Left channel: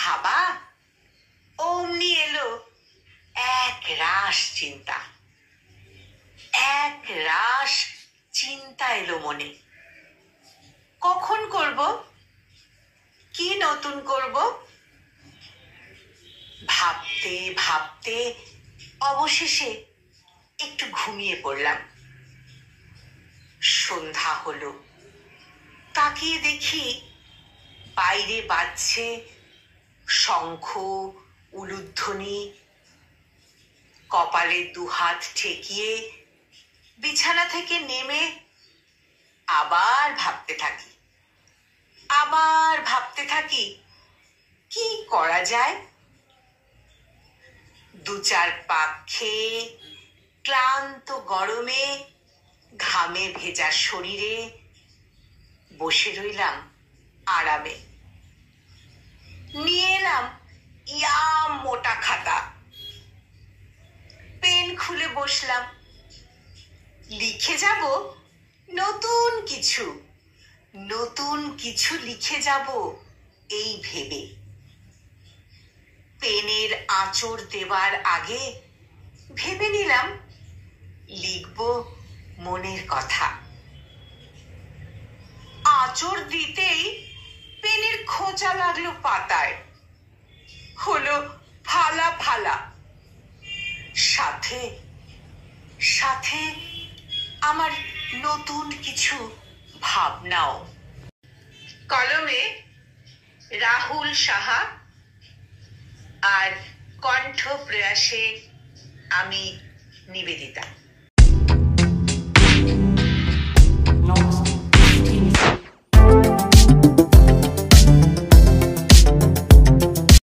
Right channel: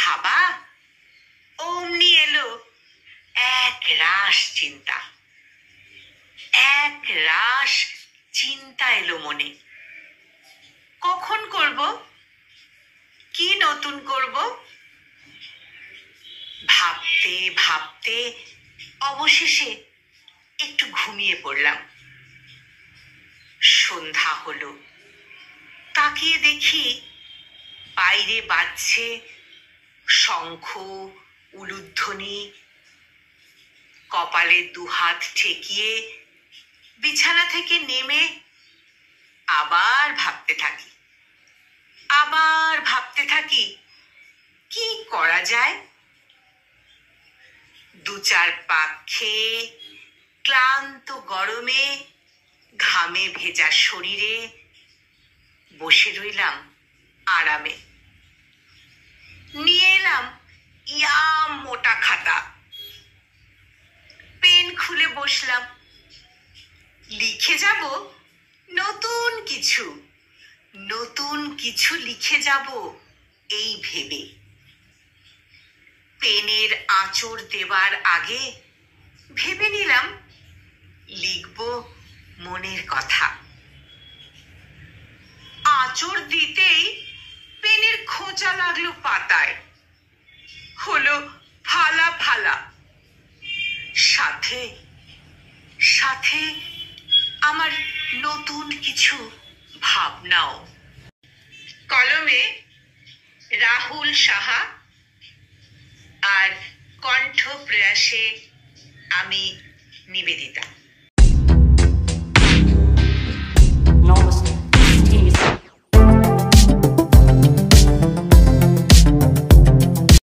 ভাবা অমনি এলো এক রাশ চিন্তা, এক রাশ চিন্তা এলো মনে। কখন করব, কি নতুন করব? ভাবতে ভাবতে অবশেষে একটু ঘুমিয়ে পড়লাম। সন্ধ্যা হলো, তাকিয়ে দেখি বাইরে বাজছে শঙ্খ, উলুধ্বনি। কপালে দুহাত ঠেকিয়ে বিছানা থেকে নেমে আবার ভাবতে থাকি কি করা যায়। দু চার পাক খেয়ে ক্লান্ত গরমে ঘামে ভেজা শরীরে বসে রইলাম আরামে। নিয়ে এলাম ইয়াম মোটা খাতা, পেন খুলে বসলাম। লিখে যাব নতুন কিছু লিখে যাব এই ভেবে। পেনের আঁচড় দেবার আগে ভেবে নিলাম লিখব মনের কথা। আঁচড় দিতেই পেনের খোঁচা লাগলো পাতায়, হলো ফালা ফালা। সাথে সাথে আমার নতুন কিছু ভাবনাও। কলমে রাহুল সাহা আর কণ্ঠ প্রয়াসে আমি নিবেদিতা।